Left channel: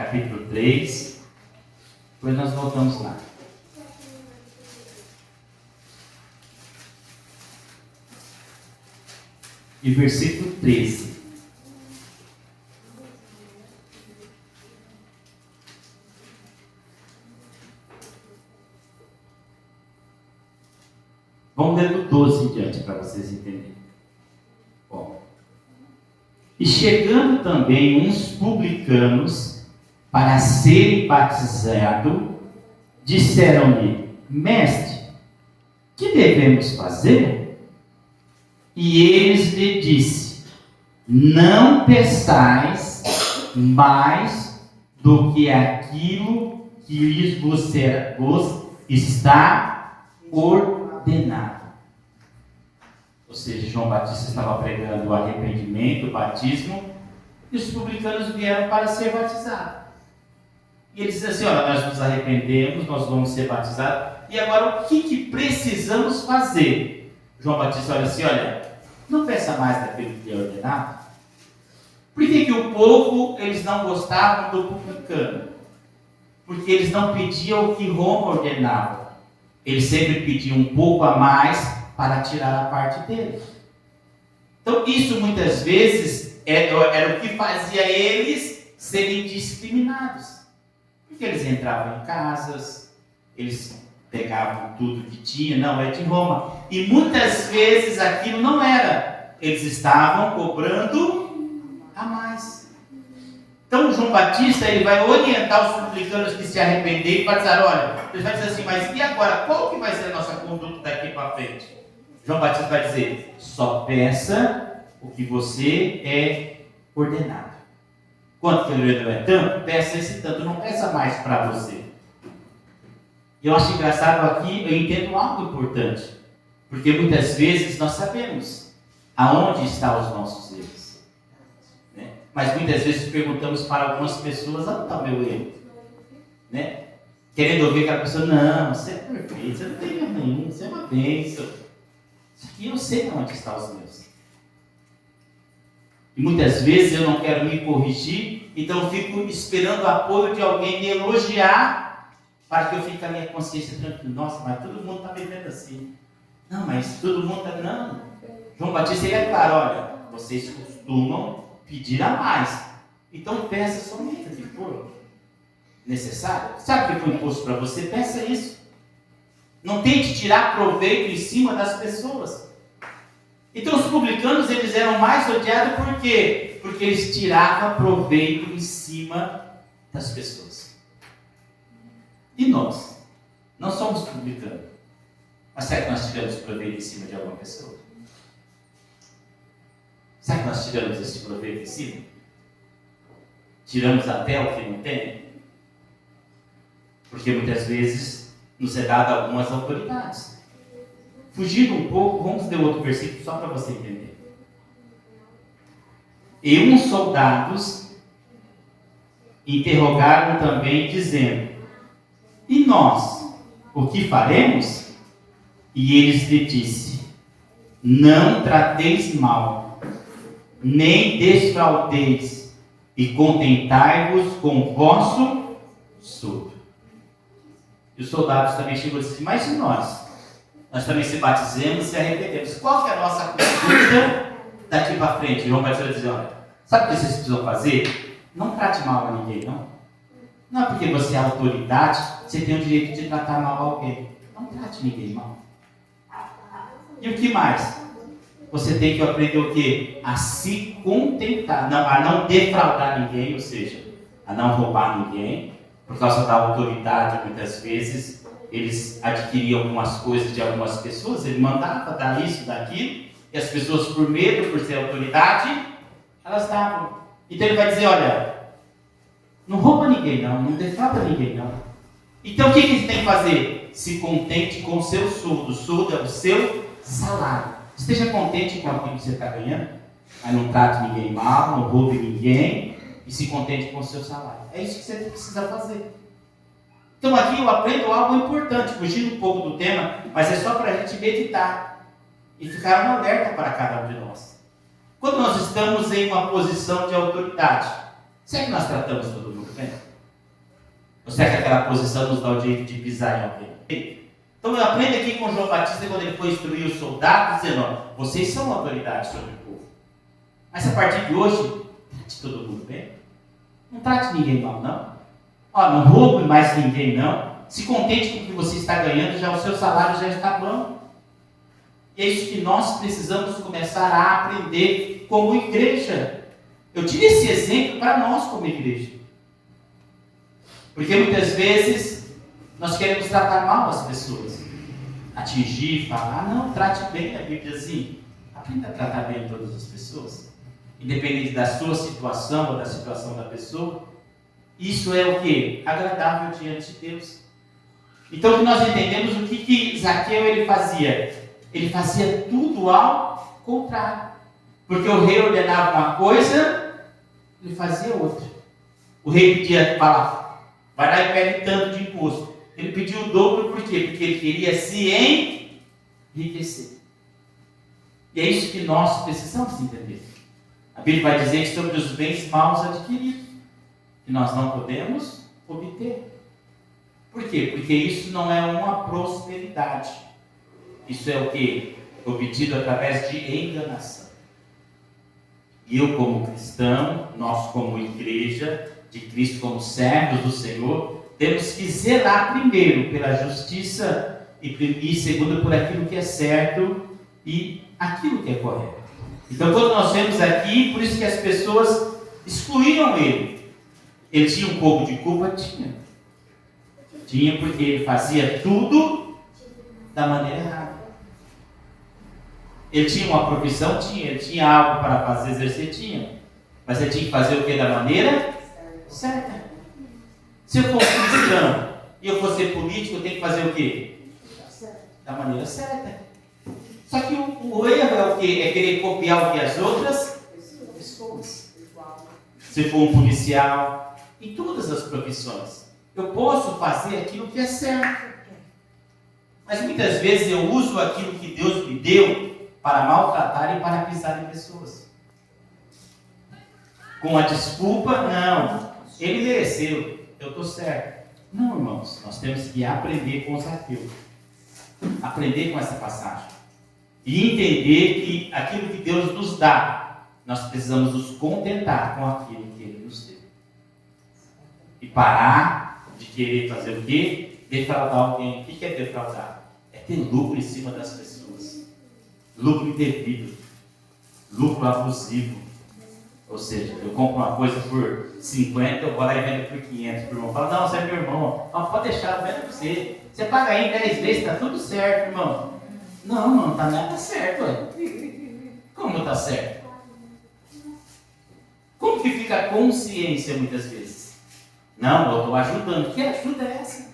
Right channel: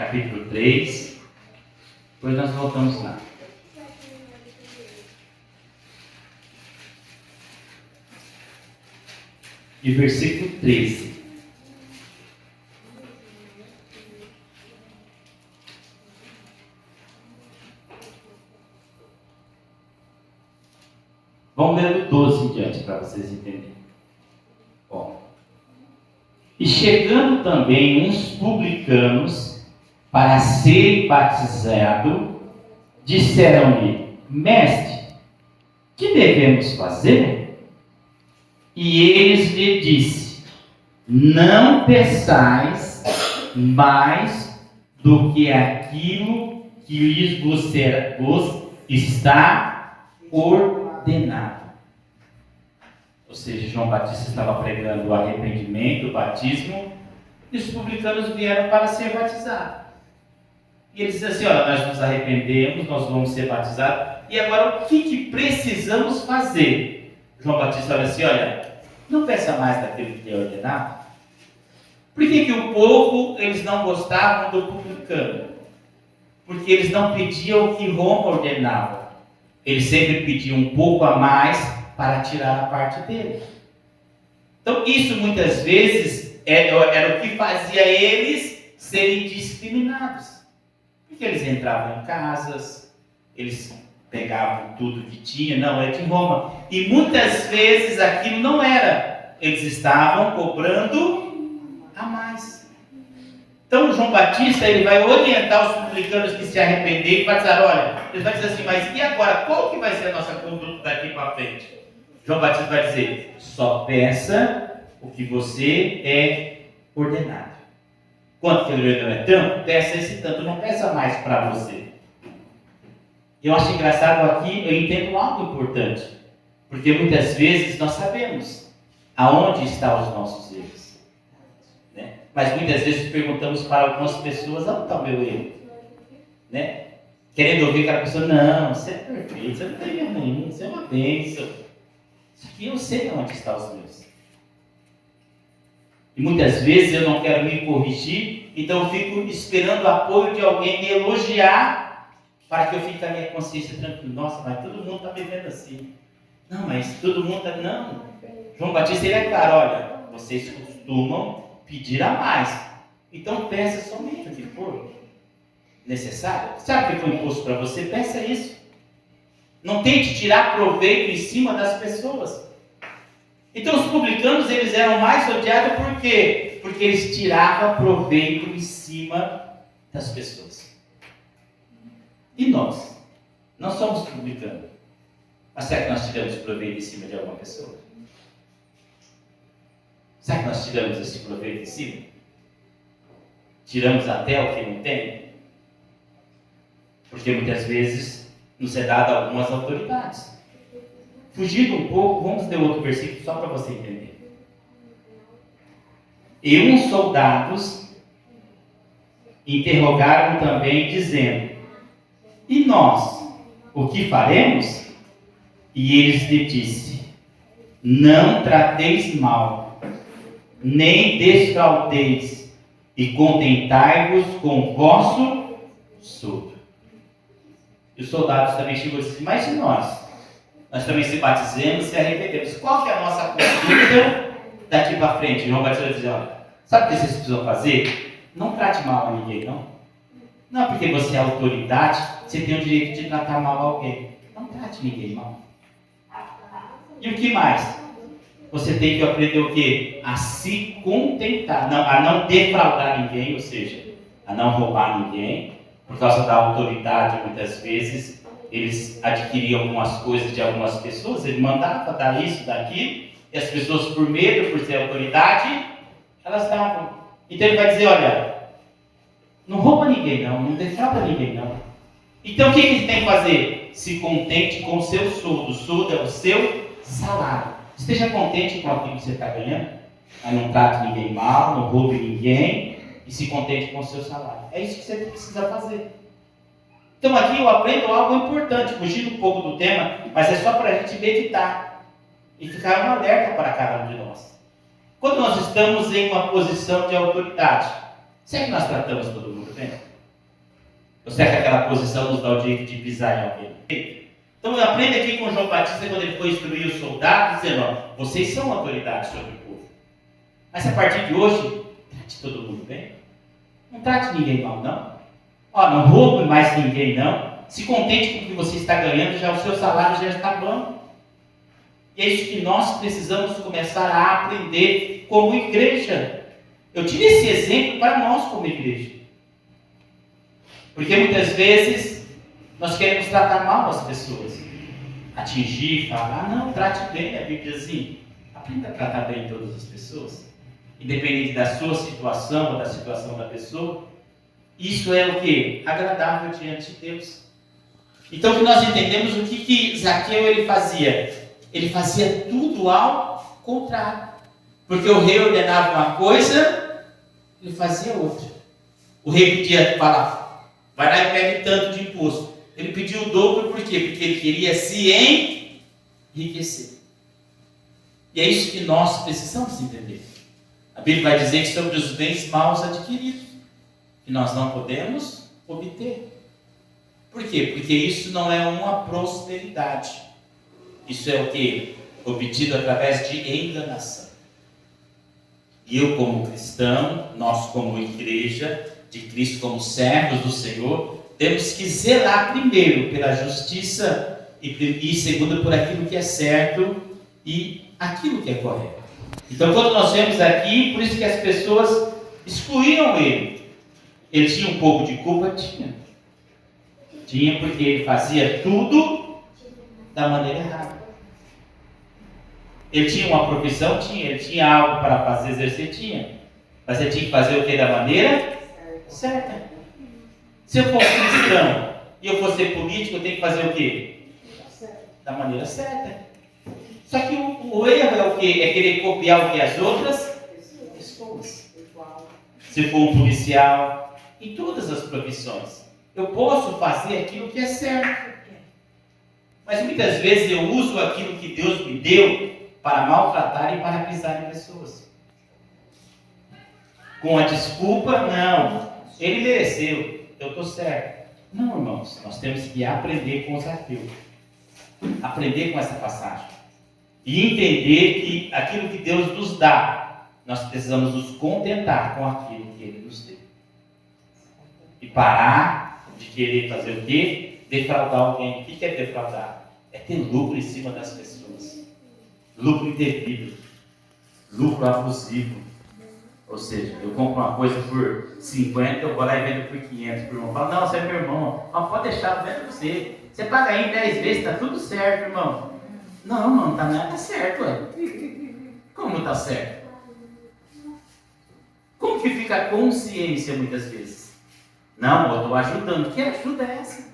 capítulo 3, depois nós voltamos lá. E versículo 13. Vamos ler do 12 em diante para vocês entenderem. Bom. E chegando também uns publicanos para serem batizados, disseram-lhe: Mestre, que devemos fazer? E eles lhe disse: Não peçais mais do que aquilo que lhes vos está ordenado. Ou seja, João Batista estava pregando o arrependimento, o batismo, e os publicanos vieram para ser batizados. E eles disseram assim: olha, nós nos arrependemos, nós vamos ser batizados, e agora o que precisamos fazer? João Batista olha assim: olha, não peça mais daquilo que é ordenado. Por que o povo, eles não gostavam do publicano? Porque eles não pediam o que Roma ordenava. Eles sempre pediam um pouco a mais para tirar a parte dele. Então isso muitas vezes era o que fazia eles serem discriminados. Porque eles entravam em casas, eles pegavam tudo que tinha, não, é de Roma. E muitas vezes aquilo não era. Eles estavam cobrando a mais. Então João Batista, ele vai orientar os publicanos que se arrependerem para dizer: olha, ele vai dizer assim: mas e agora? Qual que vai ser a nossa conduta daqui para frente? João Batista vai dizer: só peça o que você é ordenado. Quanto que ele ordenou é tanto? Peça esse tanto, não peça mais para você. Eu acho engraçado aqui, eu entendo algo importante, porque muitas vezes nós sabemos aonde estão os nossos erros, né? Mas muitas vezes perguntamos para algumas pessoas: onde está o meu erro? Né? Querendo ouvir aquela pessoa: não, você é perfeito, você não tem erro nenhum, você é uma bênção. Isso aqui eu sei onde estão os meus. E muitas vezes eu não quero me corrigir, então eu fico esperando o apoio de alguém me elogiar, para que eu fique com a minha consciência tranquila. Nossa, mas todo mundo está vivendo assim. Não, mas todo mundo está... Não. João Batista, ele é claro: olha, vocês costumam pedir a mais. Então peça somente o que for necessário. Sabe o que foi imposto para você? Peça isso. Não tente tirar proveito em cima das pessoas. Então os publicanos, eles eram mais odiados por quê? Porque eles tiravam proveito em cima das pessoas. E nós? Não somos publicanos. Mas será que nós tiramos proveito em cima de alguma pessoa? Será que nós tiramos esse proveito em cima? Tiramos até o que não tem? Porque muitas vezes nos é dado algumas autoridades. Fugindo um pouco, vamos ler outro versículo só para você entender. E uns soldados interrogaram também, dizendo: e nós, o que faremos? E eles lhe disse: não trateis mal, nem desfraudeis, e contentai-vos com o vosso soldo. E os soldados também chegou e disse: mas e nós? Nós também se batizemos e arrependemos. Qual que é a nossa conduta daqui para frente? João vai dizer: olha, sabe o que vocês precisam fazer? Não trate mal a ninguém, não. Não é porque você é autoridade, você tem o direito de tratar mal alguém. Não trate ninguém mal. E o que mais? Você tem que aprender o quê? A se contentar, a não defraudar ninguém, ou seja, a não roubar ninguém. Por causa da autoridade, muitas vezes, eles adquiriam algumas coisas de algumas pessoas, ele mandava dar isso, daquilo, e as pessoas, por medo, por ser autoridade, elas davam. Então ele vai dizer: olha, não rouba ninguém não defrauda ninguém não. Então o que você tem que fazer? Se contente com o seu soldo. O soldo é o seu salário. Esteja contente com aquilo que você está ganhando, mas não trate ninguém mal, não roube ninguém, e se contente com o seu salário. É isso que você precisa fazer. Então aqui eu aprendo algo importante, fugindo um pouco do tema, mas é só para a gente meditar e ficar um alerta para cada um de nós. Quando nós estamos em uma posição de autoridade, será que nós tratamos todo mundo bem? Ou será que aquela posição nos dá o direito de pisar em alguém? Então eu aprendo aqui com João Batista quando ele foi instruir os soldados, dizendo, ó, vocês são autoridade sobre o povo. Mas a partir de hoje, trate todo mundo bem. Não trate ninguém mal, não. Ó, não roube mais ninguém, não. Se contente com o que você está ganhando, já o seu salário já está bom. E é isso que nós precisamos começar a aprender como igreja. Eu tive esse exemplo para nós como igreja. Porque muitas vezes nós queremos tratar mal as pessoas. Atingir, falar, não, trate bem, a Bíblia diz assim, aprenda a tratar bem todas as pessoas. Independente da sua situação ou da situação da pessoa. Isso é o quê? Agradável diante de Deus. Então que nós entendemos o que Zaqueu ele fazia. Ele fazia tudo ao contrário. Porque o rei ordenava uma coisa, ele fazia outra. O rei pedia, fala, vai lá e pegue tanto de imposto. Ele pediu o dobro, por quê? Porque ele queria se enriquecer. E é isso que nós precisamos entender. A Bíblia vai dizer que sobre os bens maus adquiridos, que nós não podemos obter. Por quê? Porque isso não é uma prosperidade. Isso é o que? Obtido através de enganação. E eu como cristão, nós como igreja de Cristo, como servos do Senhor, temos que zelar primeiro pela justiça e segundo por aquilo que é certo e aquilo que é correto. Então quando nós vemos aqui, por isso que as pessoas excluíram ele. Ele tinha um pouco de culpa? Tinha porque ele fazia tudo da maneira errada. Ele tinha uma profissão? Tinha. Ele tinha algo para fazer, exercer? Tinha. Mas ele tinha que fazer o que da maneira certa. Se eu for cristão e eu for ser político, eu tenho que fazer o quê? Da maneira certa. Só que o erro é o quê? É querer copiar o que as outras pessoas. Se for um policial, em todas as profissões, eu posso fazer aquilo que é certo. Mas muitas vezes eu uso aquilo que Deus me deu para maltratar e para pisar em pessoas. Com a desculpa, não, ele mereceu, eu estou certo. Não, irmãos, nós temos que aprender com Zaqueu. Aprender com essa passagem. E entender que aquilo que Deus nos dá, nós precisamos nos contentar com aquilo que Ele nos deu. E parar de querer fazer o quê? Defraudar alguém. O que é defraudar? É ter lucro em cima das pessoas. Lucro indevido. Lucro abusivo. Ou seja, eu compro uma coisa por 50, eu vou lá e vendo por 500 por irmão. Fala, não, você é meu irmão. Não, pode deixar, eu vendo você. Você paga aí em 10 vezes, está tudo certo, irmão. Não, não está nada certo, ué. Como está certo? Como que fica a consciência muitas vezes? Não, eu estou ajudando. Que ajuda é essa?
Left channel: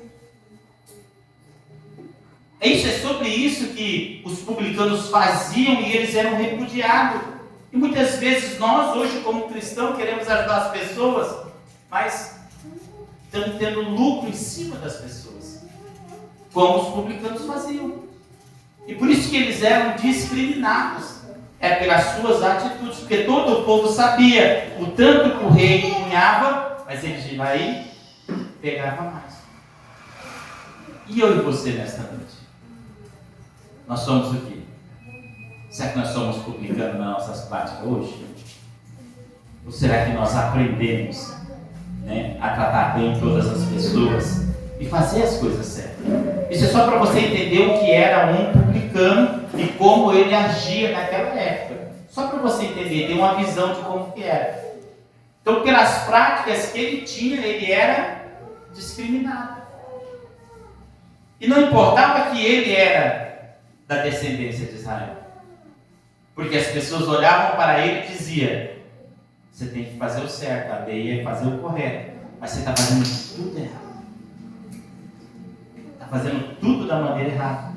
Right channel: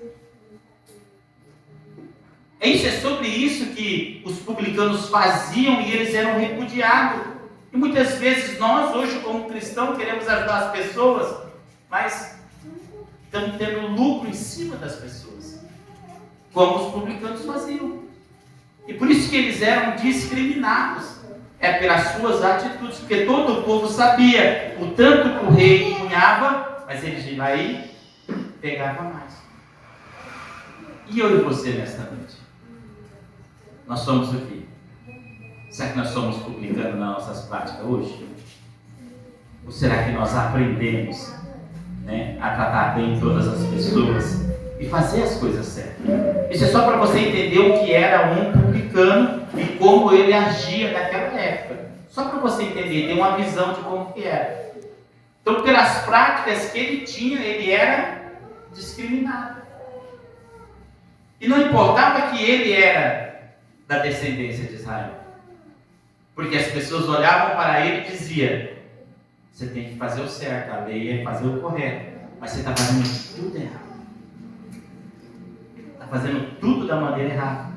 É sobre isso que os publicanos faziam e eles eram repudiados. E muitas vezes nós, hoje como cristãos, queremos ajudar as pessoas, mas estamos tendo lucro em cima das pessoas, como os publicanos faziam. E por isso que eles eram discriminados, pelas suas atitudes, porque todo o povo sabia o tanto que o rei cunhava, mas eles iam lá e pegavam mais. E eu e você nesta noite? Nós somos o quê? Será que nós somos publicanos nas nossas práticas hoje? Ou será que nós aprendemos, a tratar bem todas as pessoas e fazer as coisas certas? Isso é só para você entender o que era um publicano e como ele agia naquela época. Só para você entender, ter uma visão de como que era. Então, pelas práticas que ele tinha, ele era discriminado. E não importava que ele era da descendência de Israel. Porque as pessoas olhavam para ele e diziam, você tem que fazer o certo, a lei é fazer o correto, mas você está fazendo tudo errado. Está fazendo tudo da maneira errada.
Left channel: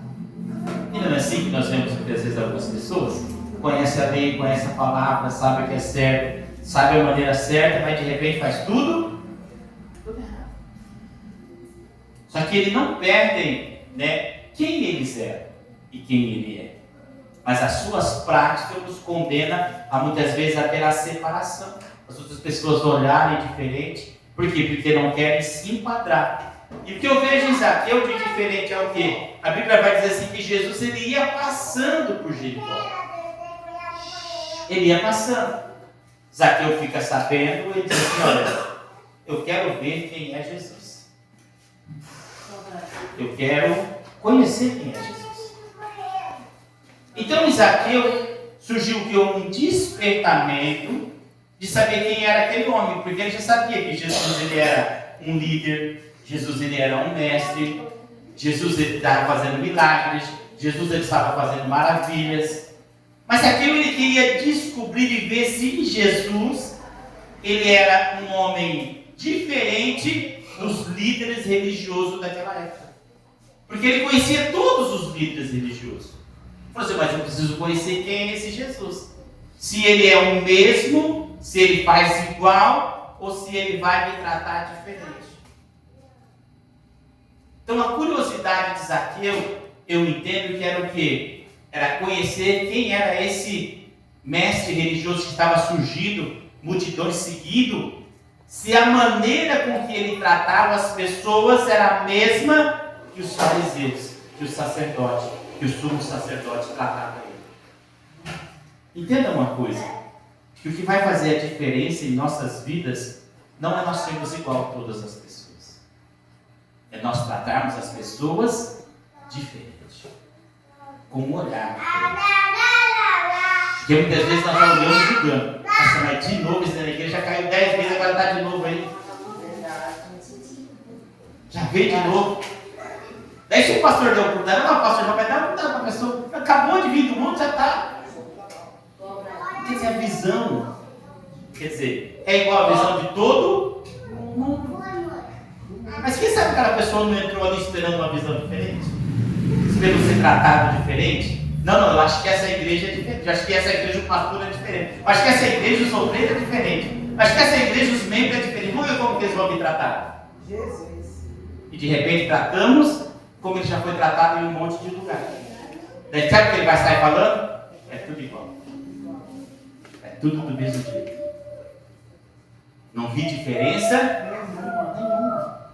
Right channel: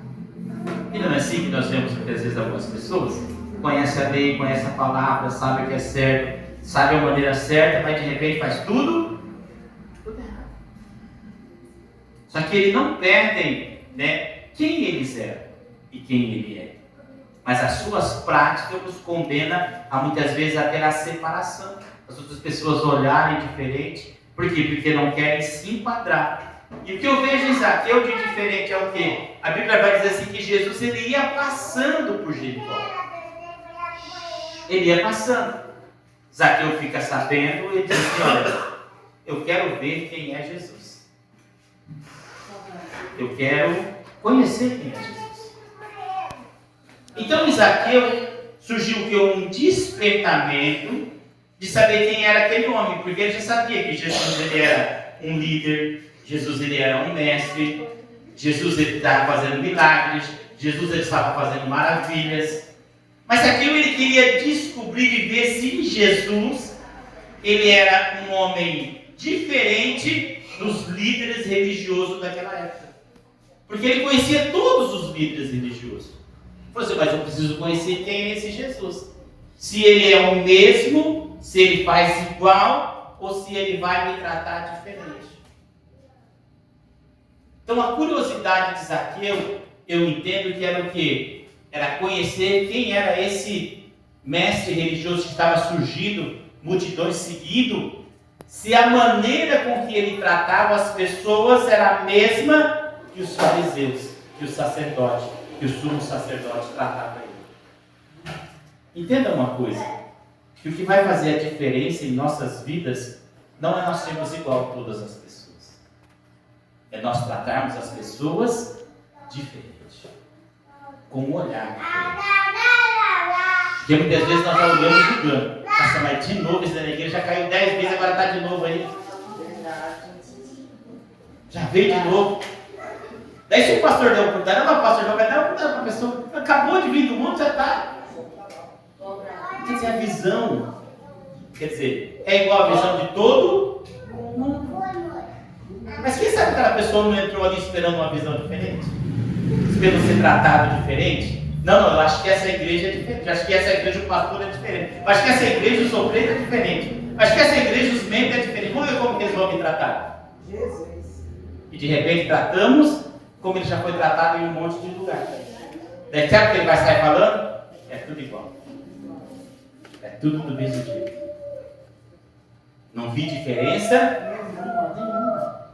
E não é assim que nós vemos muitas vezes algumas pessoas? Conhece a lei, conhece a palavra, sabe o que é certo, sabe a maneira certa, mas de repente faz tudo errado. Só que eles não perdem, quem eles eram e quem ele é. Mas as suas práticas nos condenam a muitas vezes até a separação. As outras pessoas olharem diferente, Por quê? Porque não querem se enquadrar. E o que eu vejo em Zaqueu de diferente é o quê? A Bíblia vai dizer assim que Jesus ele ia passando por Jericó. Ele ia passando. Zaqueu fica sabendo e diz assim, olha, eu quero ver quem é Jesus. Eu quero conhecer quem é Jesus. Então em Zaqueu surgiu o que? Um despertamento de saber quem era aquele homem, porque ele já sabia que Jesus ele era um líder, Jesus ele era um mestre, Jesus ele estava fazendo milagres, Jesus ele estava fazendo maravilhas. Mas aquilo ele queria descobrir e ver se Jesus ele era um homem diferente dos líderes religiosos daquela época. Porque ele conhecia todos os líderes religiosos. Ele falou assim, mas eu preciso conhecer quem é esse Jesus. Se ele é o mesmo, se ele faz igual, ou se ele vai me tratar diferente. Então a curiosidade de Zaqueu, eu entendo que era o quê? Era conhecer quem era esse mestre religioso que estava surgindo, multidões seguindo, se a maneira com que ele tratava as pessoas era a mesma que os fariseus, que o sacerdote, que o sumo sacerdote tratava ele. Entenda uma coisa, que o que vai fazer a diferença em nossas vidas não é nós sermos igual a todas as pessoas, é nós tratarmos as pessoas diferente, com um olhar diferente. Porque muitas vezes nós já olhamos julgando. Nossa, mas de novo esse daqui, ele já caiu 10 vezes, agora está de novo aí. Já veio de novo. Daí se o pastor deu um cuidado, não, o pastor já vai dar um cuidado para a pessoa. Acabou de vir do mundo, já está. Quer dizer, a visão, quer dizer, é igual a visão de todo mundo. Mas quem sabe aquela pessoa não entrou ali esperando uma visão diferente? Esperando ser tratado diferente? Não, eu acho que essa igreja é diferente. Eu acho que essa igreja, o pastor é diferente. Eu acho que essa igreja, os obreiros é diferente. Eu acho que essa igreja, os membros é diferente. Vamos ver como que eles vão me tratar. Jesus. E de repente tratamos como ele já foi tratado em um monte de lugar. Daí sabe o que ele vai sair falando? É tudo igual. É tudo do mesmo jeito. Não vi diferença nenhuma.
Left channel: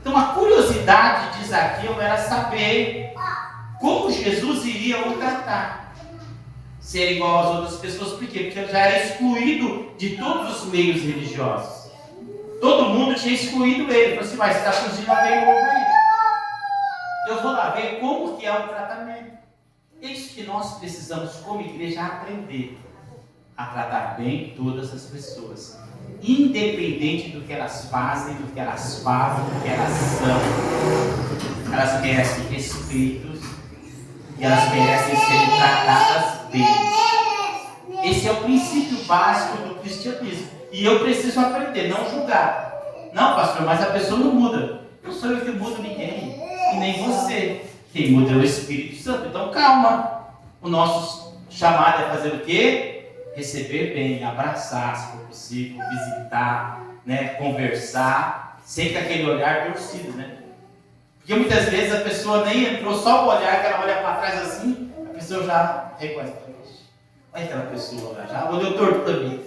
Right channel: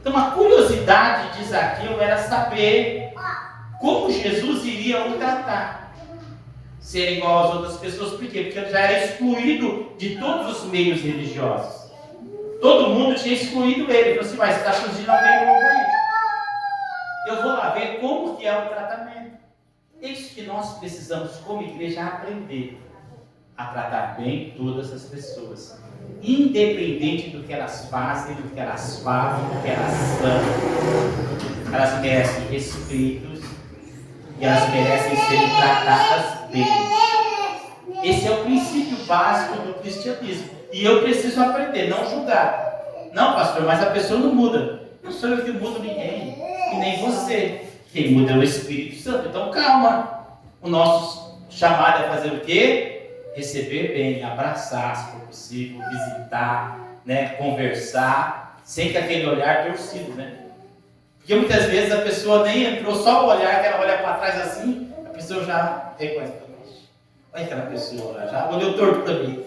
Então a curiosidade de Zaqueu era saber como Jesus iria o tratar. Ser igual às outras pessoas, por quê? Porque ele já era excluído de todos os meios religiosos. Todo mundo tinha excluído ele. Ele falou assim, mas está surgindo alguém novo aí. Eu vou lá ver como que é o tratamento. É isso que nós precisamos, como igreja, aprender a tratar bem todas as pessoas. Independente do que elas fazem, do que elas falam, do que elas são. Elas merecem respeito e elas merecem serem tratadas bem. Esse é o princípio básico do cristianismo. E eu preciso aprender, não julgar. Não, pastor, mas a pessoa não muda. Não sou eu que mudo ninguém, e nem você. Quem muda é o Espírito Santo. Então calma. O nosso chamado é fazer o quê? Receber bem, abraçar, se for possível, visitar, né, conversar, sem que aquele olhar torcido, né? Porque muitas vezes a pessoa nem entrou, só o olhar, que ela olha para trás assim, a pessoa já reconhece. Olha aquela pessoa, já olhou torto para mim.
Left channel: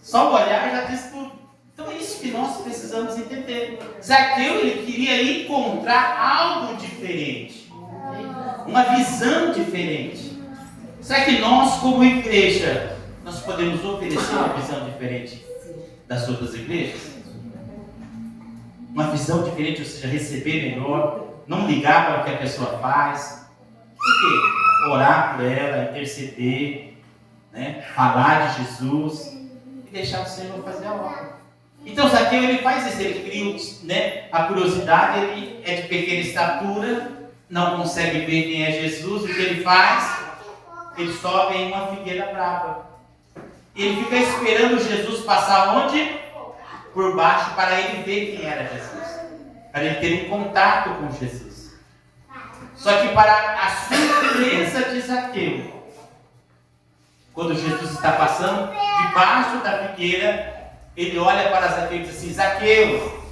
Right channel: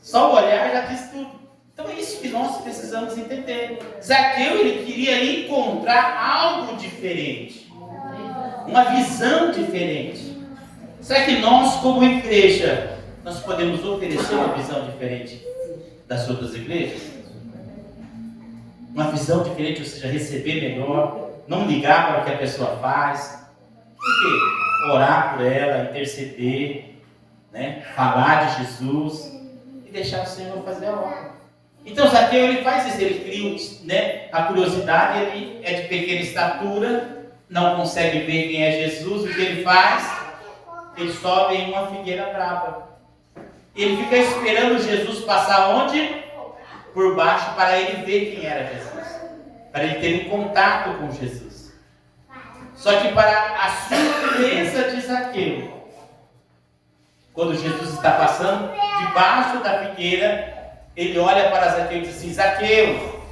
Só o olhar já diz tudo. Então é isso que nós precisamos entender. Zaqueu, ele queria encontrar algo diferente, uma visão diferente. Será que nós, como igreja, nós podemos oferecer uma visão diferente das outras igrejas? Uma visão diferente, ou seja, receber melhor, não ligar para o que a pessoa faz. Por quê? Orar por ela, interceder, né? Falar de Jesus e deixar o Senhor fazer a obra. Então Zaqueu, ele faz isso, ele cria, né, a curiosidade, ele é de pequena estatura, não consegue ver quem é Jesus. O que ele faz? Ele sobe em uma figueira brava. Ele fica esperando Jesus passar onde? Por baixo, para ele ver quem era Jesus, para ele ter um contato com Jesus. Só que para a surpresa de Zaqueu, quando Jesus está passando debaixo da figueira, ele olha para Zaqueu e diz assim: Zaqueu,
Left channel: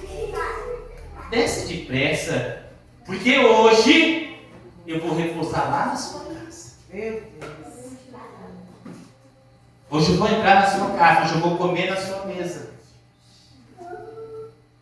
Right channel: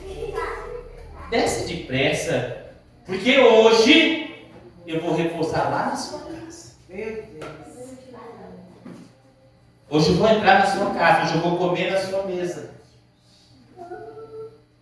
desce depressa, porque hoje eu vou repousar lá na sua casa. Hoje eu vou entrar na sua casa, hoje eu vou comer na sua mesa.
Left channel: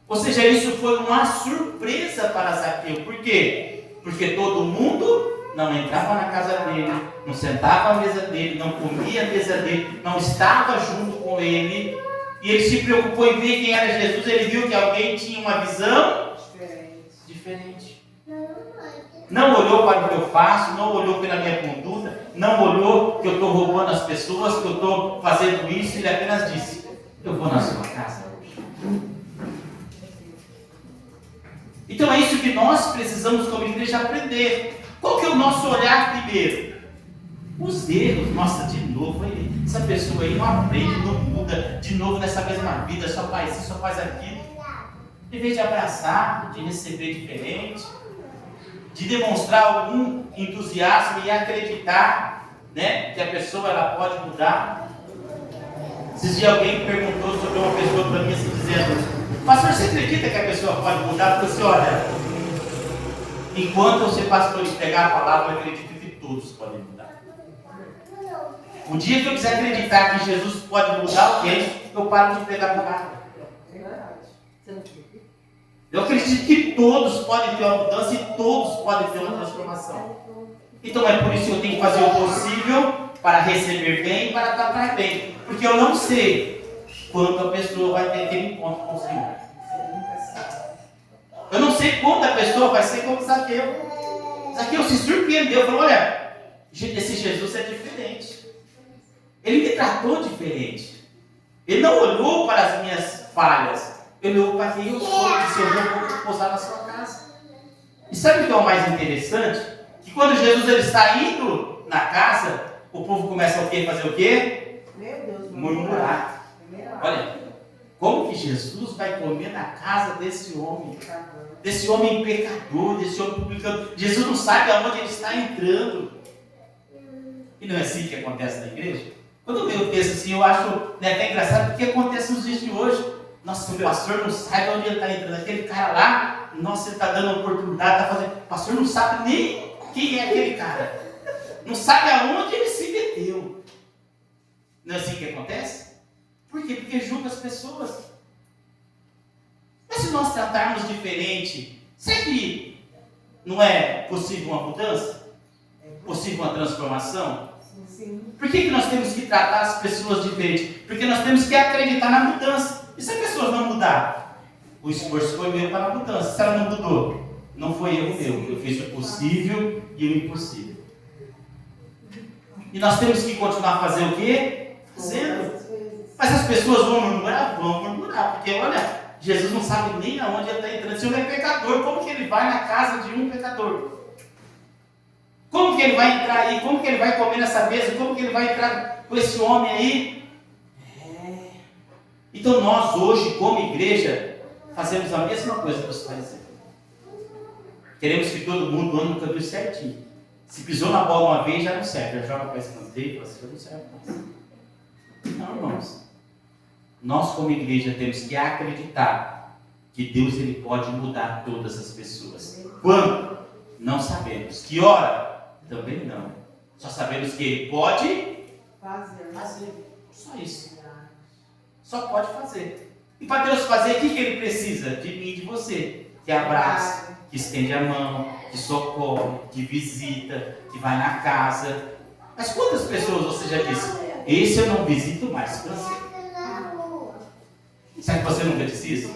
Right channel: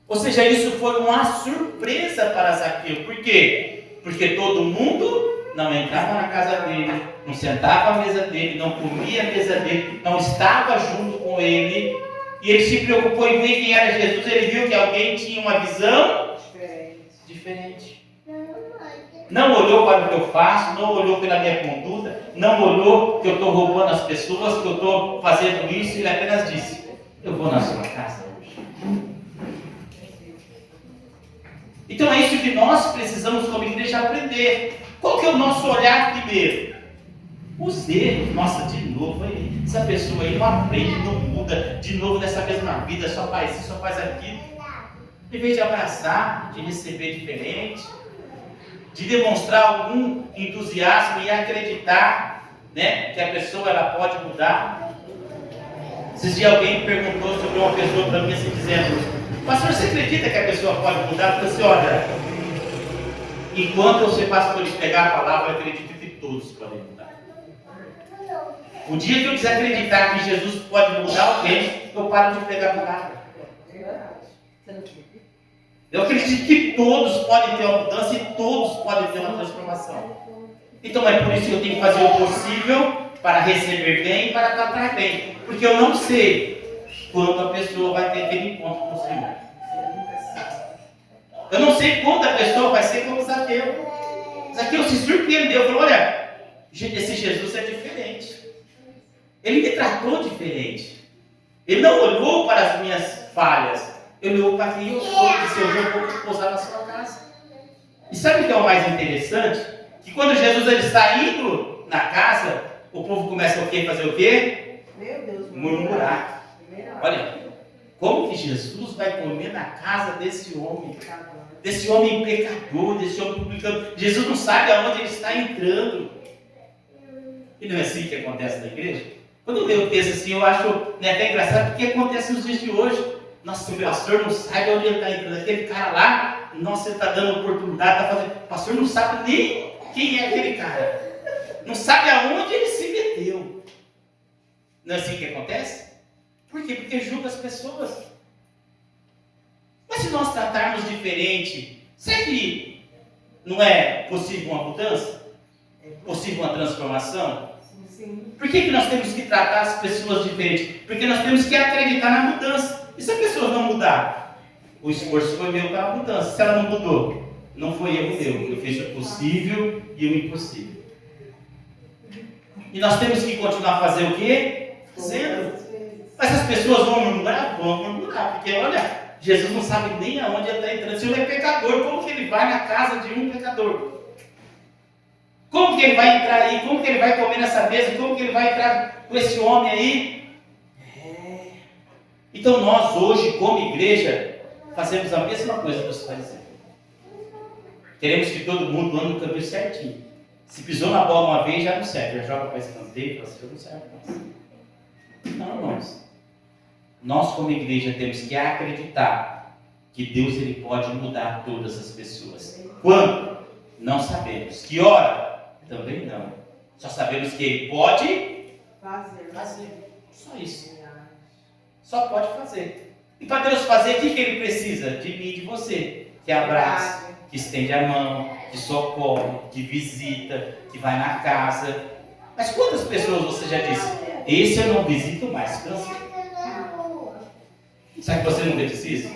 Ou seja, isso foi uma surpresa para Zaqueu. Por quê? Porque todo mundo não entrava na casa dele, não sentava à mesa dele, não comia a mesa dele, não estava junto com ele. E ele se preocupou em ver quem era Jesus. Ele viu que alguém tinha uma visão diferente. Não olhou para o que eu faço, não olhou pela minha conduta, não olhou que eu estou roubando as pessoas, que eu estou fazendo isso. Ele apenas disse: eu vou na sua casa hoje. Então é isso que nós precisamos como igreja aprender. Qual que é o nosso olhar primeiro? Os erros. Nossa, de novo aí, essa pessoa aí não aprende, não muda, de novo nessa mesma vida, só faz isso, só faz aquilo. Em vez de abraçar, de receber diferente, de demonstrar algum entusiasmo e acreditar, né, que a pessoa ela pode mudar. Esses dias alguém perguntou sobre uma pessoa para mim assim, dizendo: pastor, você acredita que a pessoa pode mudar? Eu falei assim: olha, enquanto você pastor e pegar a palavra, eu acredito que todos podem mudar. O dia que eu desacreditar que Jesus pode mudar alguém, eu paro de pregar a palavra. Eu acredito que todos podem ter uma mudança e todos podem ter uma transformação. Então é por isso que eu tenho que fazer o possível para receber bem e para tratar bem. Porque eu não sei quando a pessoa vai ter aquele encontro com o Senhor. Eu não sei quando a pessoa vai ser como Zaqueu. Zaqueu se surpreendeu, falou: olha, esse Jesus é diferente. Ele me tratou diferente. Ele não olhou para as minhas falhas. Ele olhou para quem eu sou. E se eu vou pousar na sua casa. E sabe o que é o mais interessante? Que quando Jesus ele está indo na casa, o povo começa o quê? Fazer o quê? Murmurar. Olha, como que Jesus vai comer na casa desse homem? Desse homem pecador, desse homem publicano. Jesus não sabe aonde ele está entrando. E não é assim que acontece na igreja? Quando eu leio o texto assim, eu acho até engraçado, porque acontece nos dias de hoje. Nossa, o pastor não sabe onde ele está entrando. Aquele cara lá, nossa, ele está dando oportunidade, está fazendo. O pastor não sabe nem quem é aquele cara. Não sabe aonde ele se meteu. Não é assim que acontece? Por quê? Porque julga as pessoas. Mas se nós tratarmos diferente, será que não é possível uma mudança? Possível uma transformação? Sim. Por que nós temos que tratar as pessoas diferente? Porque nós temos que acreditar na mudança. E se a pessoa não mudar? O esforço foi meu para a mudança. Se ela não mudou, não foi erro meu. Eu fiz o possível e o impossível. E nós temos que continuar a fazer o quê? Fazendo. Mas as pessoas vão murmurar? Vão murmurar. Porque olha, Jesus não sabe nem aonde ele está entrando. Se ele é pecador, como que ele vai na casa de um pecador? Como que ele vai entrar aí? Como que ele vai comer nessa mesa? Como que ele vai entrar com esse homem aí? Então nós hoje, como igreja, fazemos a mesma coisa que você faz. Queremos que todo mundo ande no caminho certinho. Se pisou na bola uma vez, já não serve. Já joga para escanteio, já não serve mais. Não, irmãos. Nós, como igreja, temos que acreditar que Deus ele pode mudar todas as pessoas. Quando? Não sabemos. Que hora? Também não. Só sabemos que ele pode fazer. Só isso. Só pode fazer. E para Deus fazer, o que ele precisa? De mim e de você. Que abraça, que estende a mão, que socorre, que visita, que vai na casa. Mas quantas pessoas você já disse? Esse eu não visito mais, cansei. Será que você nunca disse isso?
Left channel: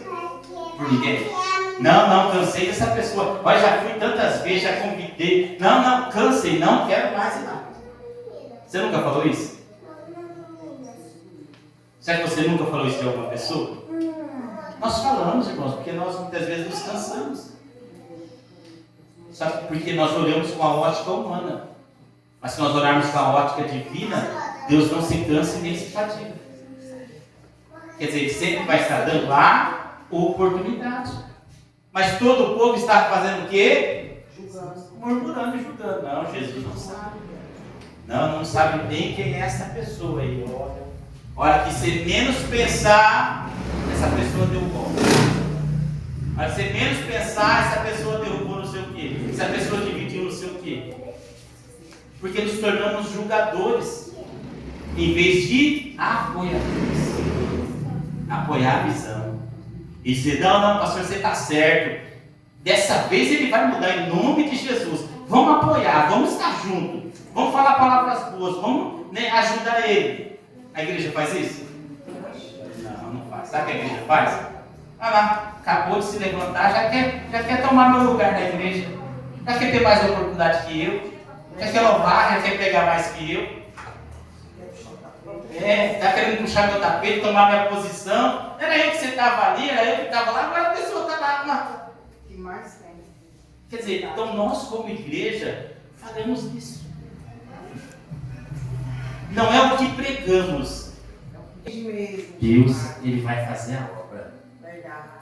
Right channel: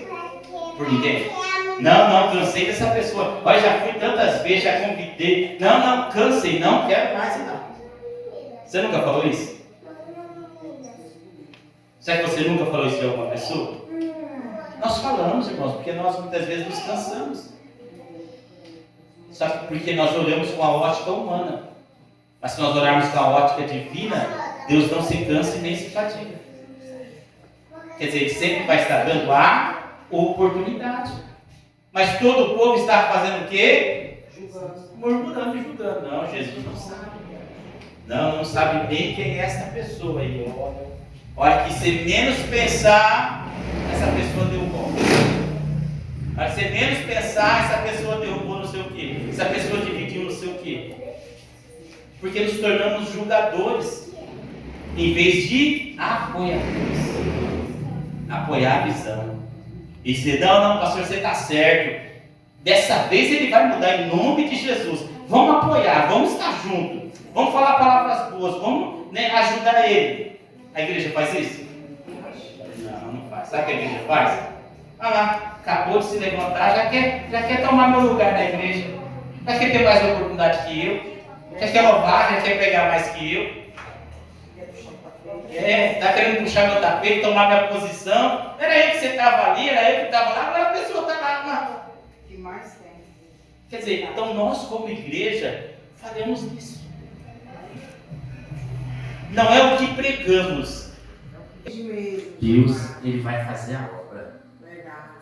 Por ninguém? Não, cansei dessa pessoa. Olha, já fui tantas vezes, já convidei. Não, cansei, não quero mais nada. Você nunca falou isso? Será que você nunca falou isso de alguma pessoa? Nós falamos, irmãos, porque nós muitas vezes nos cansamos. Sabe? Porque nós olhamos com a ótica humana. Mas se nós olharmos com a ótica divina, Deus não se cansa e nem se fadiga. Quer dizer, Ele sempre vai estar dando a oportunidade. Mas todo o povo está fazendo o quê? Murmurando e julgando. Não, Jesus não sabe. Não sabe nem quem é essa pessoa aí. Olha, que se menos pensar, essa pessoa derrubou. Mas se menos pensar, essa pessoa derrubou não sei o quê. Essa pessoa dividiu não sei o quê. Porque nos tornamos julgadores, em vez de apoiadores. Apoiar a visão. E dizer, não, pastor, você está certo. Dessa vez ele vai mudar em nome de Jesus. Vamos apoiar, vamos estar juntos. Vamos falar palavras boas, vamos ajudar ele. A igreja faz isso? Não faz. Sabe o que a igreja faz? Olha lá, acabou de se levantar, já quer tomar meu lugar na igreja. Já quer ter mais oportunidade que eu. Já quer louvar, já quer pegar mais que eu. Está querendo puxar meu tapete, tomar minha posição. Era eu que você estava ali, era eu que estava lá, agora a pessoa está lá. O que mais tem? Quer dizer, então nós como igreja faremos isso. Não é o que pregamos. Deus, Ele vai fazer a obra.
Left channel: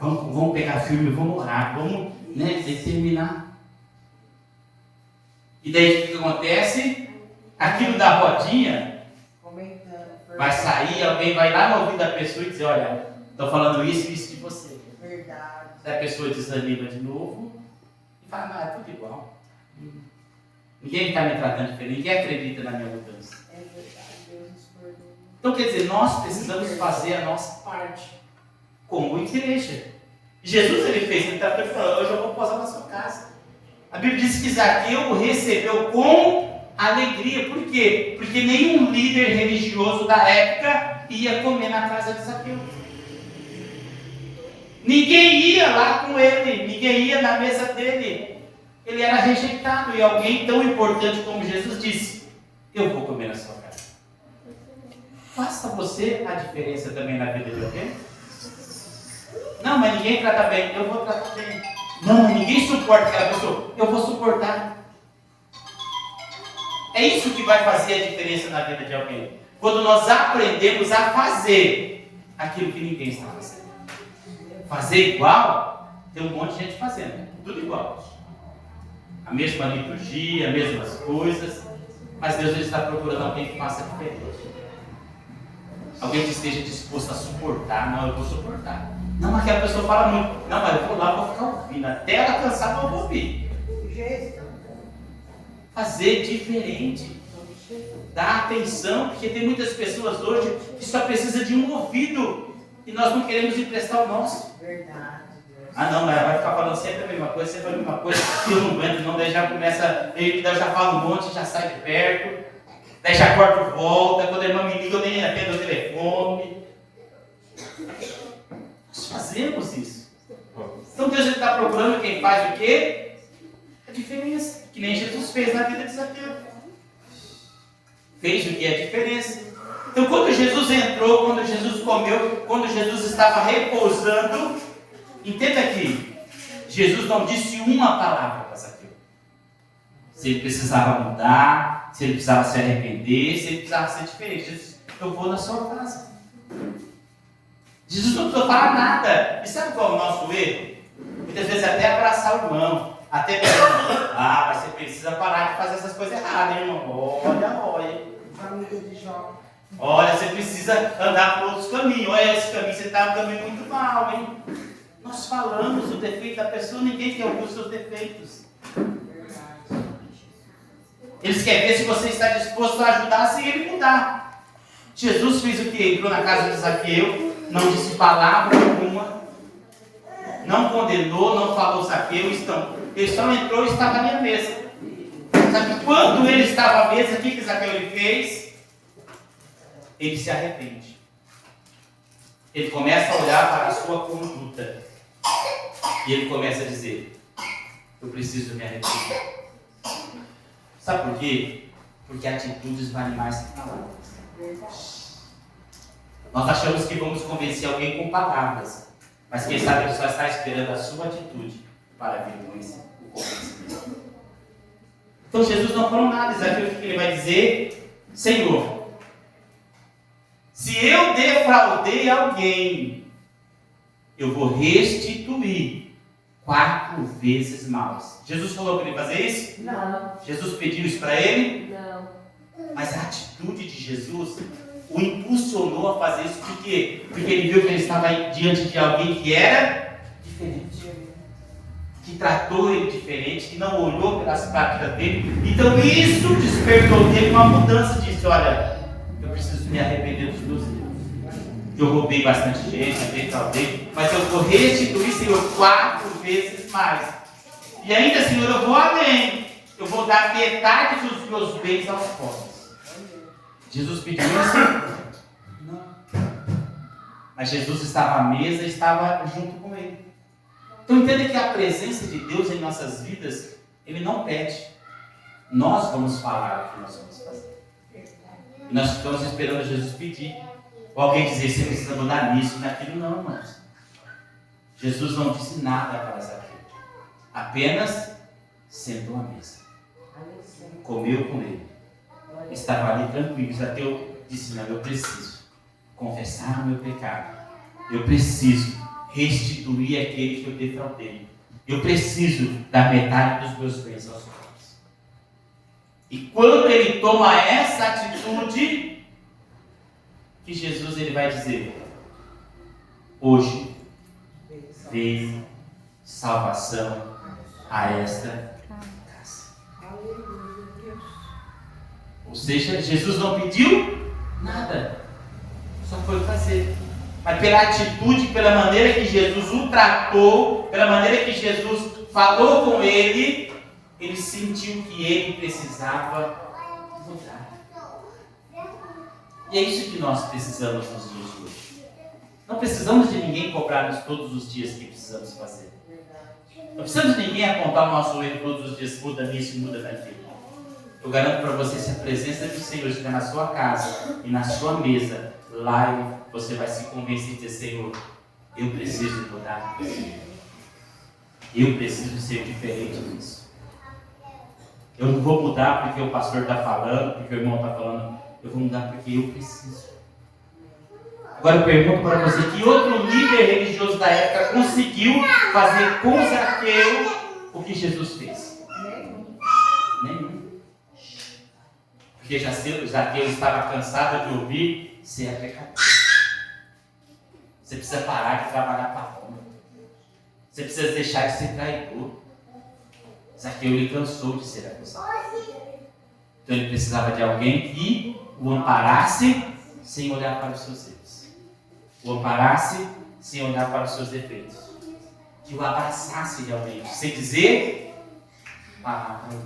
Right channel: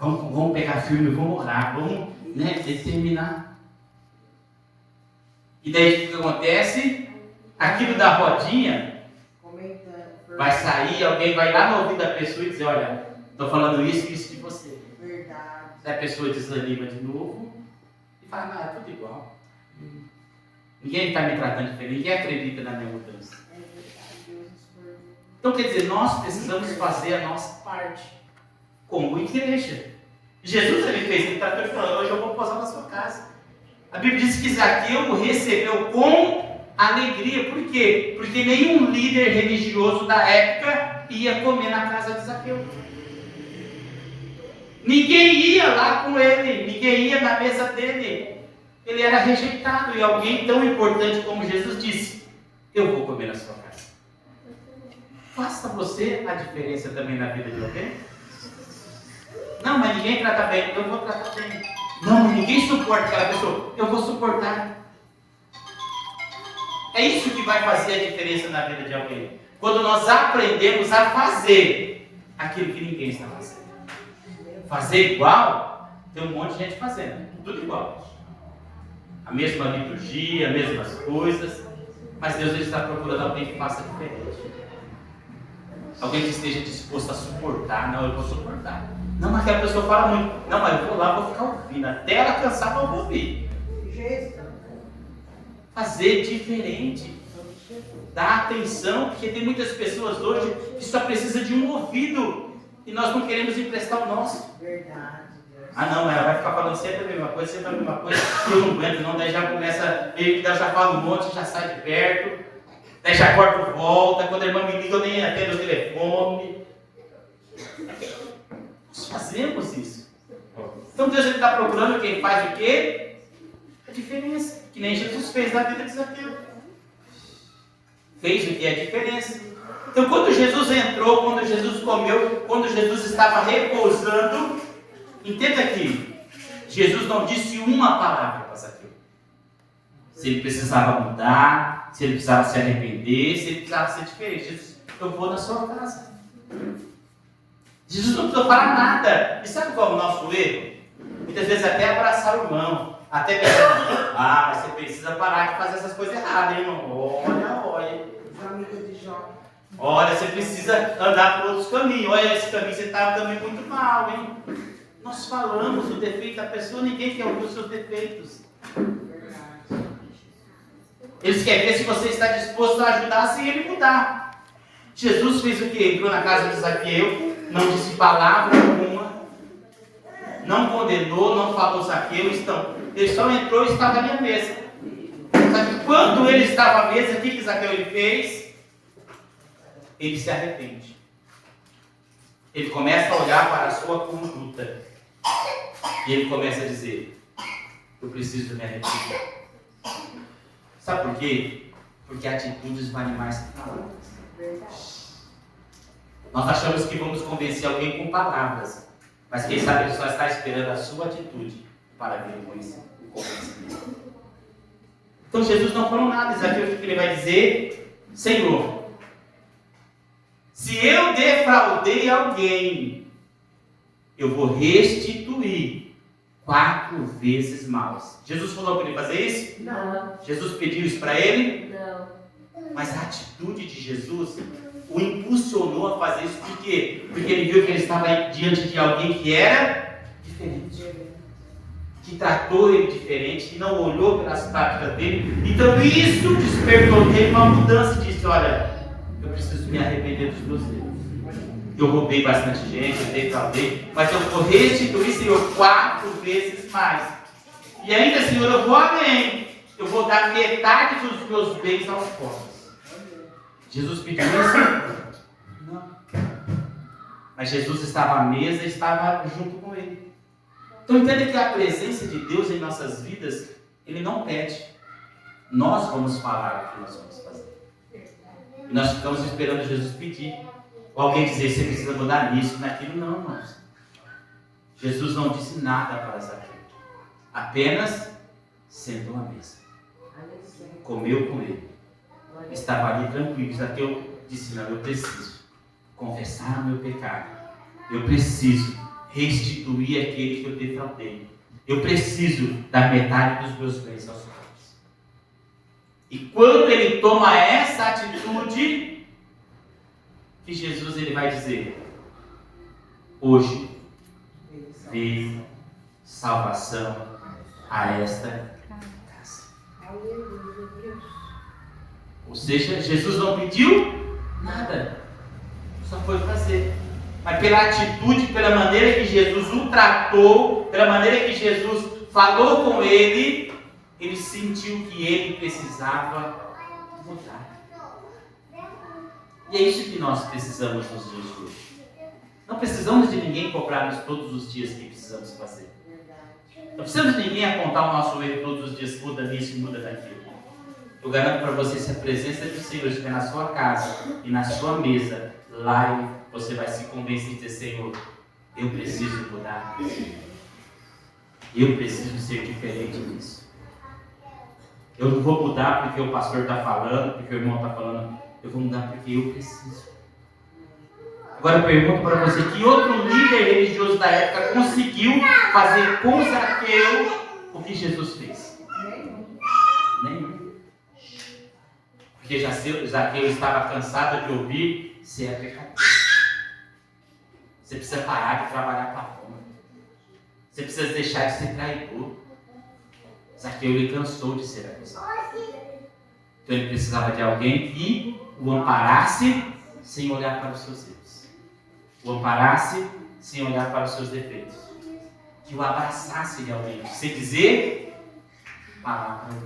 Vamos pegar firme, vamos orar, vamos determinar. E daí o que acontece? Aquilo da rodinha vai sair, alguém vai lá no ouvido da pessoa e dizer, olha, estou falando isso de você. Verdade. Aí a pessoa desanima de novo e fala, é tudo igual. Ninguém está me tratando diferente, ninguém acredita na minha mudança. É verdade, Deus nos perdoa. Então quer dizer, nós precisamos fazer a nossa parte como igreja. Jesus ele fez, ele tratou e falou, hoje eu vou posar na sua casa. A Bíblia diz que Zaqueu o recebeu com alegria. Por quê? Porque nenhum líder religioso da época ia comer na casa de Zaqueu. Ninguém ia lá com ele, ninguém ia na mesa dele. Ele era rejeitado e alguém tão importante como Jesus disse, eu vou comer na sua casa. Faça você a diferença também na vida de alguém. Não, mas ninguém trata bem, eu vou tratar bem. Não, mas ninguém suporta aquela pessoa, eu vou suportar. É isso que vai fazer a diferença na vida de alguém. Quando nós aprendemos a fazer aquilo que ninguém está fazendo. Fazer igual, tem um monte de gente fazendo, tudo igual. A mesma liturgia, as mesmas coisas, mas Deus está procurando alguém que faça diferente. Alguém que esteja disposto a suportar. Não, eu vou suportar. Não, mas aquela pessoa fala muito. Não, mas eu vou lá, vou ficar ouvindo. Até ela cansar, eu vou ouvir. Fazer diferente. Dar atenção, porque tem muitas pessoas hoje que só precisam de um ouvido. E nós não queremos emprestar o nosso. Verdade. Não, mas ela vai ficar falando sempre a mesma coisa, sempre a mesma coisa. E eu não aguento, não. Daí já começa, eu já falo um monte, já sai de perto. Daí já corto volta. Quando a irmã me liga, eu nem atendo o telefone. Nós fazemos isso. Então Deus está procurando quem faz o quê? A diferença. Que nem Jesus fez na vida de Zaqueu. Fez o que é a diferença. Então quando Jesus entrou, quando Jesus comeu, quando Jesus estava repousando, entenda aqui, Jesus não disse uma palavra para Zaqueu. Se ele precisava mudar, se ele precisava se arrepender, se ele precisava ser diferente. Jesus, eu vou na sua casa. Jesus não precisou falar nada. E sabe qual é o nosso erro? Muitas vezes até abraçar o irmão, até pensar, mas você precisa parar de fazer essas coisas erradas, hein, irmão? Olha. Olha, você precisa andar por outros caminhos. Olha, esse caminho, você está andando muito mal, hein? Nós falamos o defeito da pessoa, ninguém quer ouvir os seus defeitos. Eles querem ver se você está disposto a ajudar sem ele mudar. Jesus fez o quê? Entrou na casa de Zaqueu, não disse palavra alguma, não condenou, não falou Zaqueu, ele só entrou e estava ali à mesa. Só que quando ele estava à mesa, o que Zaqueu ele fez? Ele se arrepende. Ele começa a olhar para a sua conduta. E ele começa a dizer, eu preciso me arrepender. Sabe por quê? Porque atitudes valem mais que palavras. Nós achamos que vamos convencer alguém com palavras, mas quem sabe ele só está esperando a sua atitude para vir o convencimento. Então Jesus não falou nada, Zaqueu que ele vai dizer, Senhor, se eu defraudei alguém, eu vou restituir 4 vezes mais. Jesus falou para ele fazer isso? Não. Jesus pediu isso para ele? Não. Mas a atitude de Jesus o impulsionou a fazer isso. Por quê? Porque ele viu que ele estava diante de alguém que era diferente. Que tratou ele diferente, que não olhou pelas práticas dele. Então isso despertou nele uma mudança e disse, olha, eu preciso me arrepender dos meus erros. eu roubei bastante gente, eu defraudei, mas eu vou restituir, Senhor, 4 vezes mais. E ainda, Senhor, eu vou além. Eu vou dar metade dos meus bens aos pobres. Jesus pediu isso? Não. Mas Jesus estava à mesa e estava junto com ele. Então entenda que a presença de Deus em nossas vidas, Ele não pede. Nós vamos falar o que nós vamos fazer. E nós ficamos esperando Jesus pedir. Ou alguém dizer, você precisa mudar nisso, naquilo. Não, irmãos. Jesus não disse nada para Zaqueu. Apenas sentou à mesa. Comeu com ele. Estava ali tranquilo. Zaqueu disse, não, eu preciso confessar o meu pecado. Eu preciso restituir aquele que eu defraudei. Eu preciso dar metade dos meus bens aos pobres. E quando ele toma essa atitude, que Jesus ele vai dizer, hoje veio salvação a esta casa. Ou seja, Jesus não pediu nada, só foi fazer. Mas pela atitude, pela maneira que Jesus o tratou, pela maneira que Jesus falou com ele, ele sentiu que ele precisava mudar. E é isso que nós precisamos nos dias de hoje. Não precisamos de ninguém cobrar-nos todos os dias que precisamos fazer. Não precisamos de ninguém apontar o nosso erro todos os dias, muda nisso, muda naquilo. Eu garanto para você, se a presença do Senhor estiver na sua casa e na sua mesa, lá você vai se convencer e dizer, Senhor, eu preciso mudar. Eu preciso ser diferente disso. Eu não vou mudar porque o pastor está falando, porque o irmão está falando. Eu vou mudar porque eu preciso. Agora eu pergunto para você, que outro líder religioso da época conseguiu fazer com Zaqueu o que Jesus fez? Nenhum. Porque Zaqueu estava cansado de ouvir, você é pecador. Você precisa parar de trabalhar para fome. Você precisa deixar de ser traidor. Zaqueu ele cansou de ser acusado. Então ele precisava de alguém que o amparasse sem olhar para os seus erros. O amparasse sem olhar para os seus defeitos. Que o abraçasse realmente. Sem dizer palavra.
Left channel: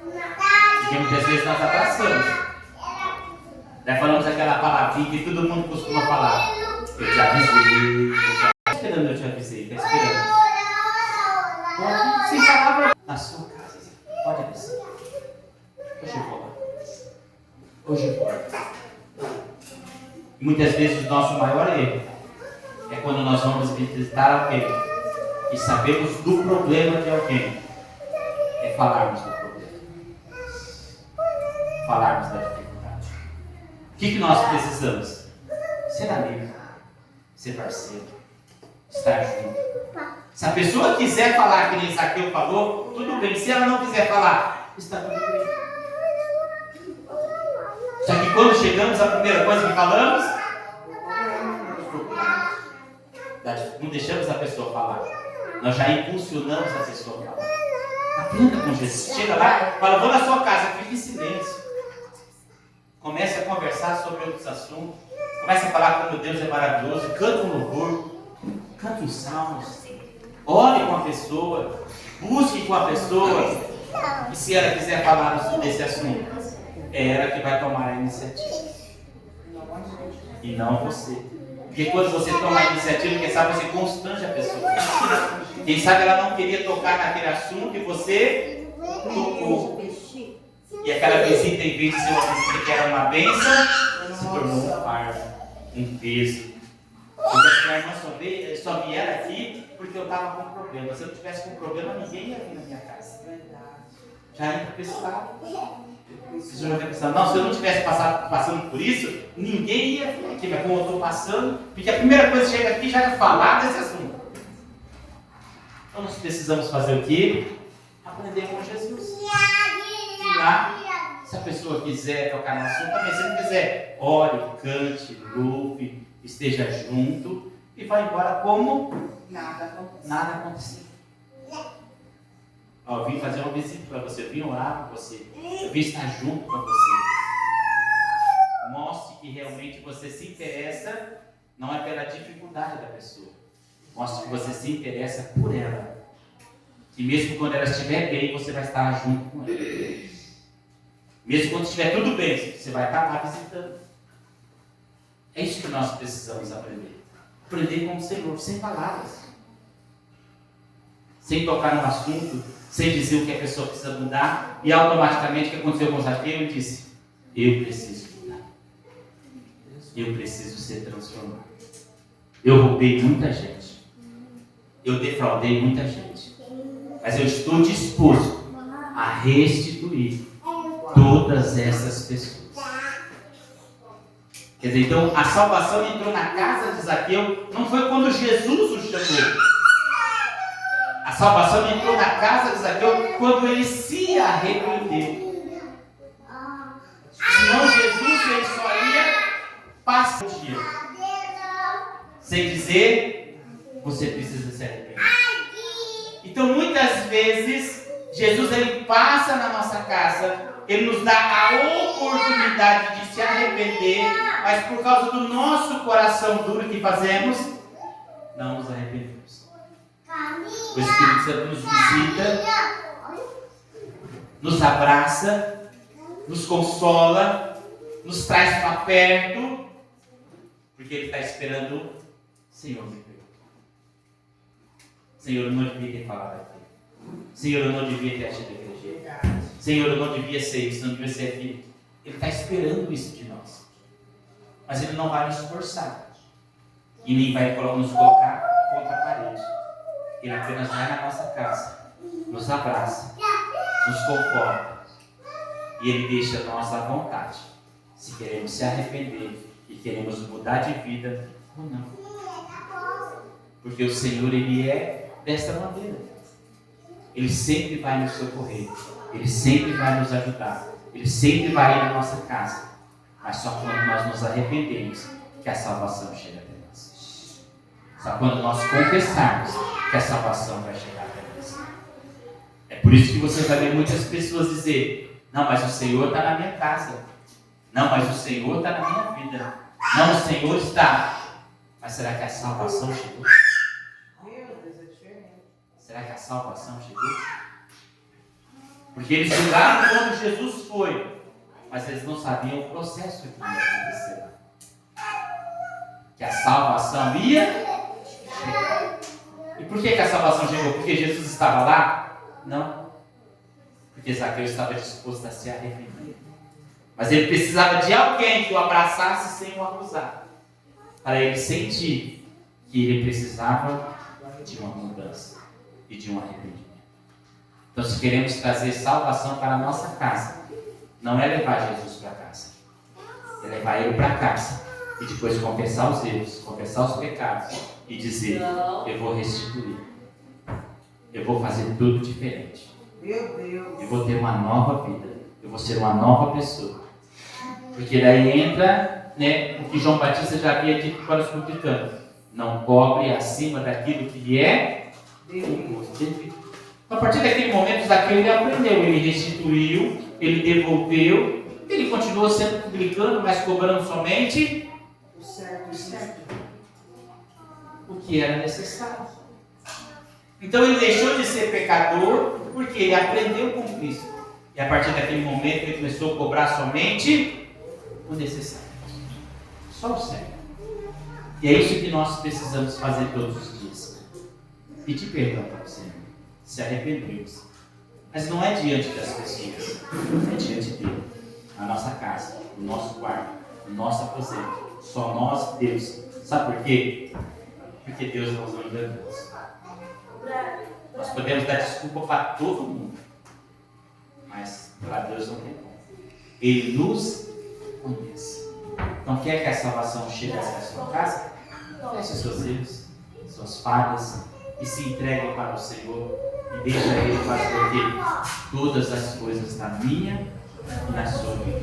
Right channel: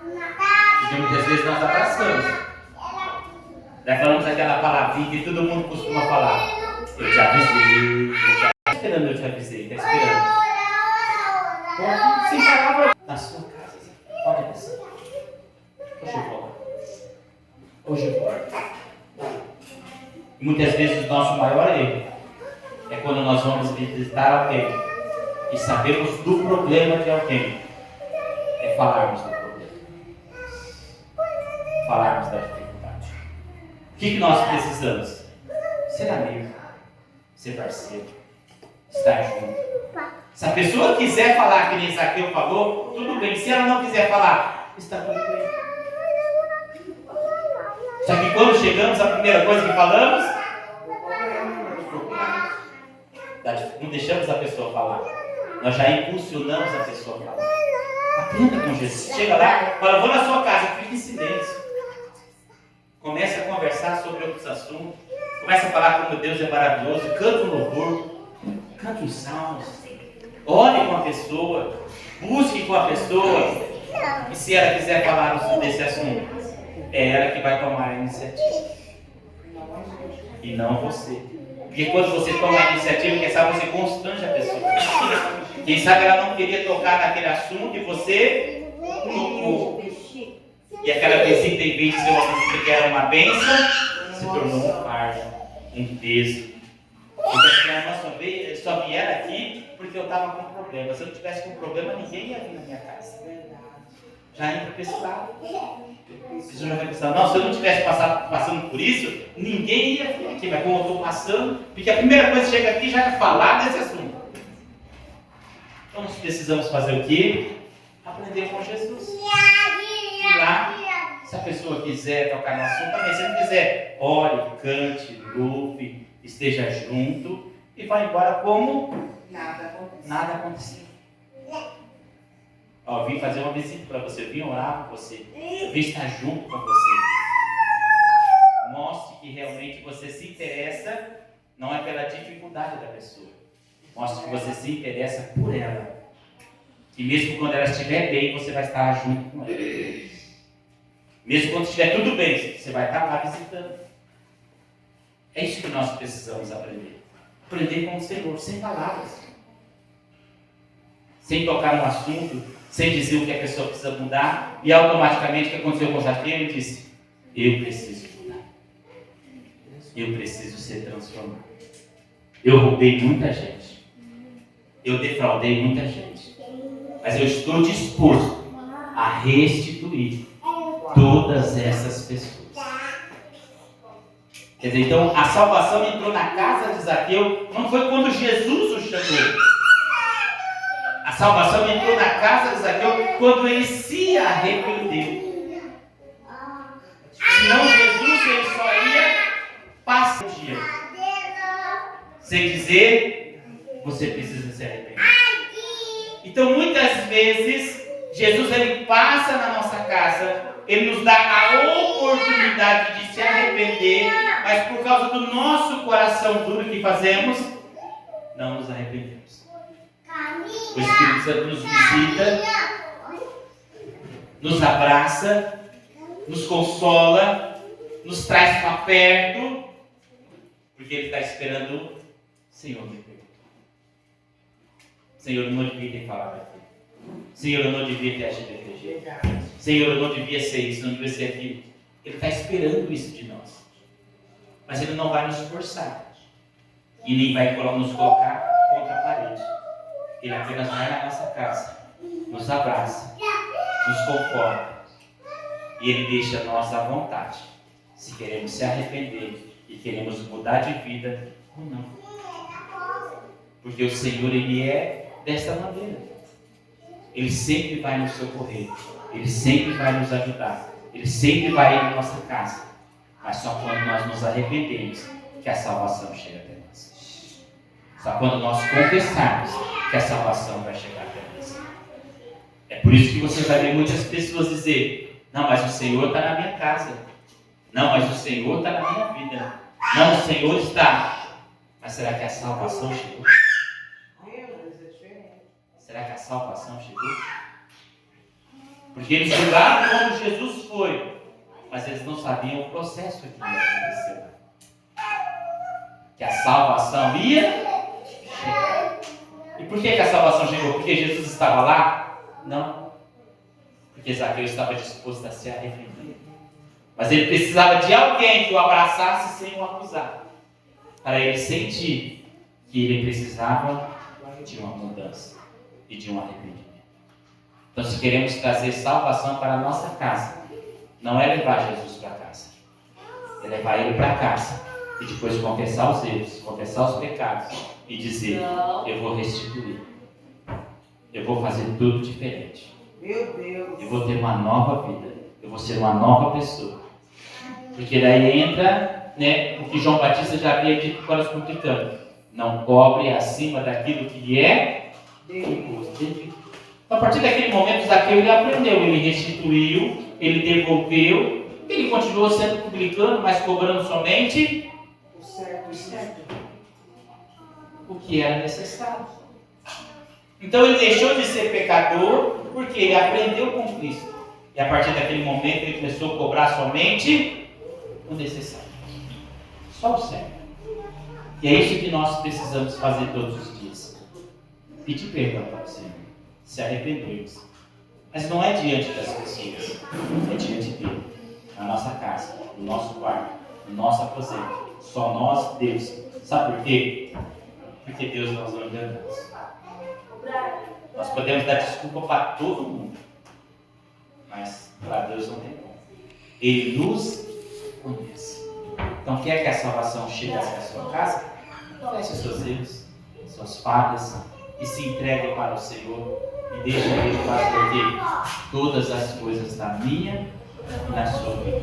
Porque muitas vezes nós abraçamos. Já falamos aquela palavrinha que todo mundo costuma falar. Eu te avisei. Está esperando, eu te avisei. Está esperando. Pode, sem palavra. Na sua casa. Pode avisar. Hoje volta. Hoje volta. Muitas vezes o nosso maior erro é quando nós vamos visitar alguém e sabemos do problema de alguém. É falarmos do problema. Falarmos da dificuldade. O que nós precisamos? Ser amigo. Ser parceiro. Estar junto. Se a pessoa quiser falar que nem Zaqueu falou, tudo bem. Se ela não quiser falar, está tudo bem. Só que quando chegamos, a primeira coisa que falamos, não deixamos a pessoa falar. Nós já impulsionamos a pessoa a falar. Aprenda com Jesus. Chega lá, fala, vou na sua casa, fique em silêncio. Comece a conversar sobre outros assuntos. Comece a falar como Deus é maravilhoso. Canta um louvor. Canta um salmo. Ore com a pessoa. Busque com a pessoa. E se ela quiser falar desse assunto, é ela que vai tomar a iniciativa. E não você. Porque quando você toma a iniciativa, quem sabe você constrange a pessoa. Quem sabe ela não queria tocar naquele assunto e você tocou. E aquela visita, em vez de ser uma visita que era uma bênção, se tornou um fardo, um peso. Então, a irmã só vieram aqui porque eu estava com problema. Se eu não tivesse com problema, ninguém ia vir na minha casa. Já entra para esse lado. Se eu não tivesse passando por isso, ninguém ia vir aqui. Mas como eu estou passando, porque a primeira coisa que chega aqui já é falar desse assunto. Então nós precisamos fazer o quê? Aprender com Jesus. E lá, se a pessoa quiser tocar no assunto, também. Se não quiser, ore, cante, louve, esteja junto e vá embora como nada aconteceu. Eu vim fazer uma visita para você, eu vim orar para você, eu vim estar junto com você. Mostre que realmente você se interessa, não é pela dificuldade da pessoa. Mostre que você se interessa por ela. E mesmo quando ela estiver bem, você vai estar junto com ela. Mesmo quando estiver tudo bem, você vai estar lá visitando. É isso que nós precisamos aprender. Aprender com o Senhor, sem palavras. Sem tocar no assunto, sem dizer o que a pessoa precisa mudar. E automaticamente o que aconteceu com Zaqueu? Ele disse, eu preciso mudar. Eu preciso ser transformado. Eu roubei muita gente. Eu defraudei muita gente. Mas eu estou disposto a restituir todas essas pessoas. Quer dizer, então a salvação entrou na casa de Zaqueu, não foi quando Jesus o chamou. A salvação entrou na casa de Zaqueu quando ele se arrependeu. Senão Jesus ele só ia passar o dia sem dizer, você precisa se arrepender. Então muitas vezes Jesus ele passa na nossa casa, ele nos dá a oportunidade de se arrepender, mas por causa do nosso coração duro que fazemos, não nos arrependemos. O Espírito Santo nos visita, nos abraça, nos consola, nos traz para perto, porque ele está esperando, Senhor, me perdoa. Senhor, eu não devia ter falado aquilo. Senhor, eu não devia ter agido daquele jeito. Senhor, eu não devia ser isso, não devia ser aquilo. Ele está esperando isso de nós. Mas ele não vai nos forçar. E nem vai nos colocar contra a parede. Ele apenas vai na nossa casa, nos abraça, nos conforta. E ele deixa nós à vontade. Se queremos se arrepender e queremos mudar de vida ou não. Porque o Senhor, ele é desta maneira. Ele sempre vai nos socorrer. Ele sempre vai nos ajudar. Ele sempre vai ir na nossa casa. Mas só quando nós nos arrependemos que a salvação chega até nós. Só quando nós confessarmos que a salvação vai chegar até nós. É por isso que você vai ver muitas pessoas dizer, não, mas o Senhor está na minha casa. Não, mas o Senhor está na minha vida. Não, o Senhor está. Mas será que a salvação chegou? Será que a salvação chegou? Porque eles julgaram quando Jesus foi, mas eles não sabiam o processo que ia acontecer. Que a salvação ia chegar. E por que a salvação chegou? Porque Jesus estava lá? Não. Porque Zaqueu estava disposto a se arrepender. Mas ele precisava de alguém que o abraçasse sem o acusar. Para ele sentir que ele precisava de uma mudança e de um arrependimento. Então, se queremos trazer salvação para a nossa casa, não é levar Jesus para casa. É levar ele para casa e depois confessar os erros, confessar os pecados e dizer, eu vou restituir. Eu vou fazer tudo diferente. Meu Deus. Eu vou ter uma nova vida. Eu vou ser uma nova pessoa. Porque daí entra, o que João Batista já havia dito para os publicanos. Não cobre acima daquilo que é devido. Então, a partir daquele momento, Zaqueu ele aprendeu, ele restituiu, ele devolveu, ele continuou sendo publicano, mas cobrando somente o que era necessário. Então ele deixou de ser pecador, porque ele aprendeu com Cristo. E a partir daquele momento ele começou a cobrar somente o necessário. Só o certo. E é isso que nós precisamos fazer todos os dias. Pedir perdão para o Senhor. Se arrependermos. Mas não é diante das pessoas. É diante dele. Na nossa casa, no nosso quarto, no nosso aposento. Só nós, Deus. Sabe por quê? Porque Deus não nos engana. Nós podemos dar desculpa para todo mundo. Mas para Deus não tem como. Ele nos conhece. Então quer que a salvação chegue à sua casa? Confesse os seus erros, suas falhas e se entregue para o Senhor e deixa Ele fazer todas as coisas na minha e na sua vida.